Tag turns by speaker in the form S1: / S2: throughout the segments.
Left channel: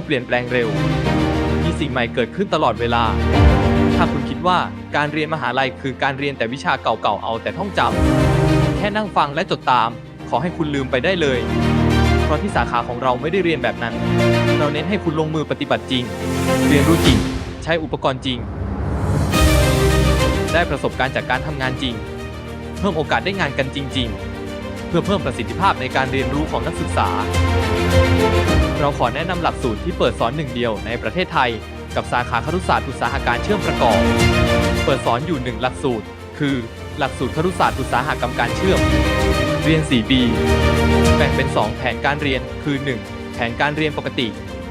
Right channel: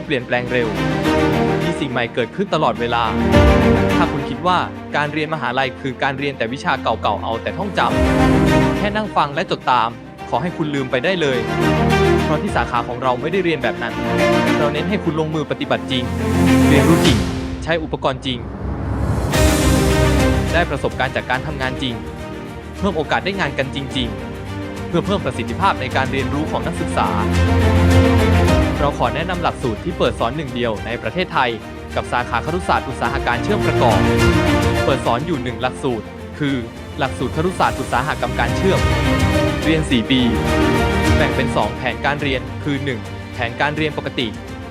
S1: กเปลี่ยนแปลงเร็ว มีสิ่งใหม่เกิดขึ้นตลอดเวลา ถ้าคุณคิดว่าการเรียนมหาลัยคือการเรียนแต่วิชาเก่าๆเอาแต่ท่องจำแค่นั่งฟังและจดตาม ขอให้คุณลืมไปได้เลย เพราะที่สาขาของเราไม่ได้เรียนแบบนั้น เราเน้นให้คุณลงมือปฏิบัติจริง เรียนรู้จริง ใช้อุปกรณ์จริง ได้ประสบการณ์จากการทำงานจริง เพิ่มโอกาสได้งานกันจริง ๆ เพื่อเพิ่มประสิทธิภาพในการเรียนรู้ของนักศึกษา เราขอแนะนำหลักสูตรที่เปิดสอนหนึ่งเดียวในประเทศไทย กับสาขาครุศาสตร์อุตสาหการเชื่อมประกอบ เปิดสอนอยู่หนึ่งหลักสูตร คือ หลักสูตรครุศาสตร์อุตสาหกรรมการเชื่อม เรียน 4 ปี แบ่งเป็น 2 แผนการเรียน คือ 1. แผนการเรียนปกติ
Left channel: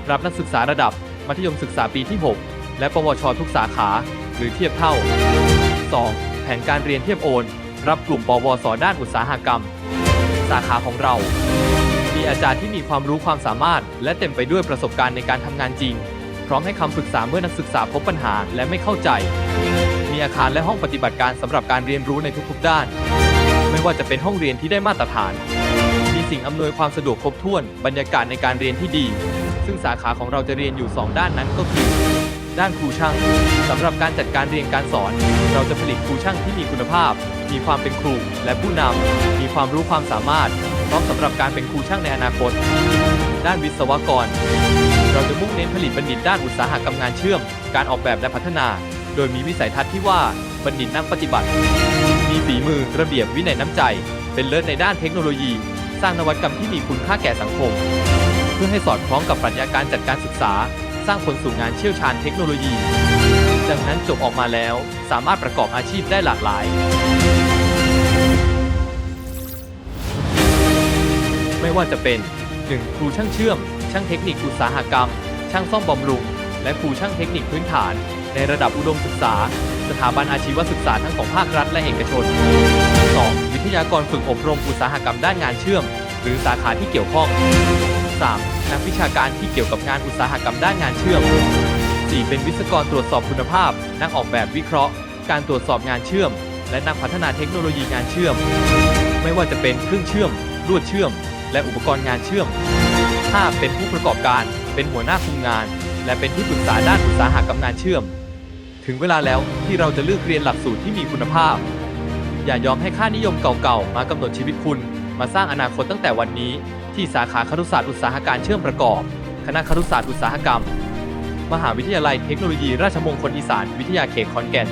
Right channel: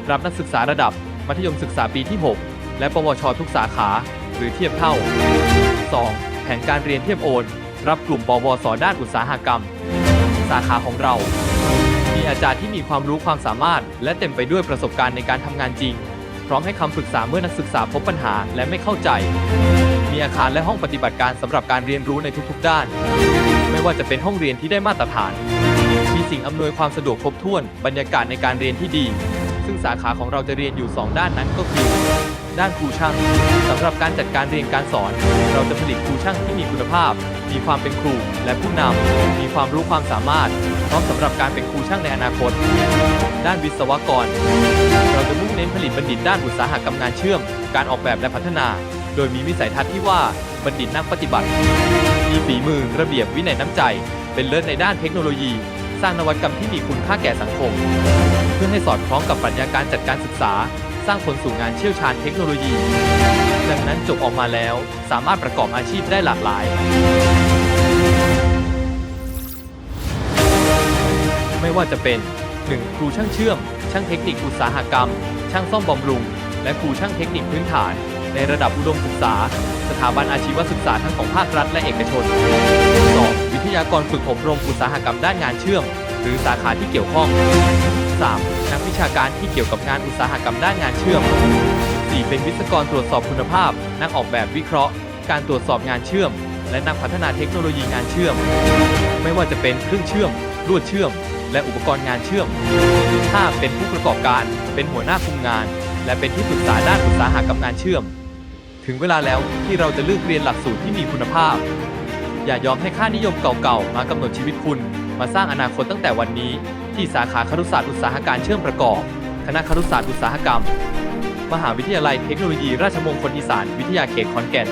S1: รับนักศึกษาระดับ มัธยมศึกษาปีที่ 6 และปวชทุกสาขา หรือเทียบเท่า 2. แผนการเรียนเทียบโอน รับกลุ่มปวสด้านอุตสาหกรรม สาขาของเรา มีอาจารย์ที่มีความรู้ความสามารถ และเต็มไปด้วยประสบการณ์ในการทำงานจริง พร้อมให้คำปรึกษาเมื่อนักศึกษาพบปัญหาและไม่เข้าใจ มีอาคารและห้องปฏิบัติการสำหรับการเรียนรู้ในทุกๆ ด้าน ไม่ว่าจะเป็นห้องเรียนที่ได้มาตรฐาน มีสิ่งอำนวยความสะดวกครบถ้วน บรรยากาศในการเรียนที่ดี ซึ่งสาขาของเราจะเรียนอยู่ 2 ด้านนั้นก็คือ ด้านครูช่างสำหรับการจัดการเรียนการสอน เราจะผลิตครูช่างที่มีคุณภาพ มีความเป็นครูและผู้นำมีความรู้ความสามารถ พร้อมสำหรับการเป็นครูช่างในอนาคต ด้านวิศวกร เราจะมุ่งเน้นผลิตบัณฑิตด้านอุตสาหกรรมงานเชื่อม การออกแบบและพัฒนา โดยมีวิสัยทัศน์ที่ว่าบัณฑิตนักปฏิบัติ มีฝีมือระเบียบวินัยน้ำใจ เป็นเลิศในด้านเทคโนโลยี สร้างนวัตกรรมที่มีคุณค่าแก่สังคม เพื่อให้สอดคล้องกับปรัชญาการจัดการศึกษา สร้างคนสู่งานเชี่ยวชาญเทคโนโลยี ดังนั้นจบออกมาแล้วสามารถประกอบอาชีพได้หลากหลาย ไม่ว่าจะเป็น 1. ครูช่างเชื่อม ช่างเทคนิคอุตสาหกรรม ช่างซ่อมบำรุง และครูช่างเทคนิคพื้นฐาน ในระดับอุดมศึกษา สถาบันอาชีวศึกษาทั้งของภาครัฐและเอกชน 2. วิทยากรฝึกอบรมอุตสาหกรรมด้านงานเชื่อม หรือสาขาที่เกี่ยวข้อง 3. นักวิชาการที่เกี่ยวกับงานอุตสาหกรรมด้านงานเชื่อม 4. เป็นวิศวกรตรวจสอบคุณภาพ นักออกแบบวิเคราะห์ การตรวจสอบงานเชื่อม และนักพัฒนาเทคโนโลยีงานเชื่อม ไม่ว่าจะเป็นเครื่องเชื่อม ลวดเชื่อม และอุปกรณ์งานเชื่อม 5. เป็นผู้ประกอบการ เป็นหัวหน้าคุมงาน และเป็นที่ปรึกษาด้านอุตสาหกรรมงานเชื่อม ถึงเวลาแล้วที่เราจะเลือกเรียนหลักสูตรที่มีคุณภาพ อย่ายอมให้ค่านิยมเก่าๆ มากำหนดชีวิตคุณ มาสร้างอนาคตตั้งแต่วันนี้ ที่สาขาครุศาสตร์อุตสาหการเชื่อมประกอบ คณะครุศาสตร์อุตสาหกรรม มหาวิทยาลัยเทคโนโลยีราชมงคลอีสานวิทยาเขตขอนแก่น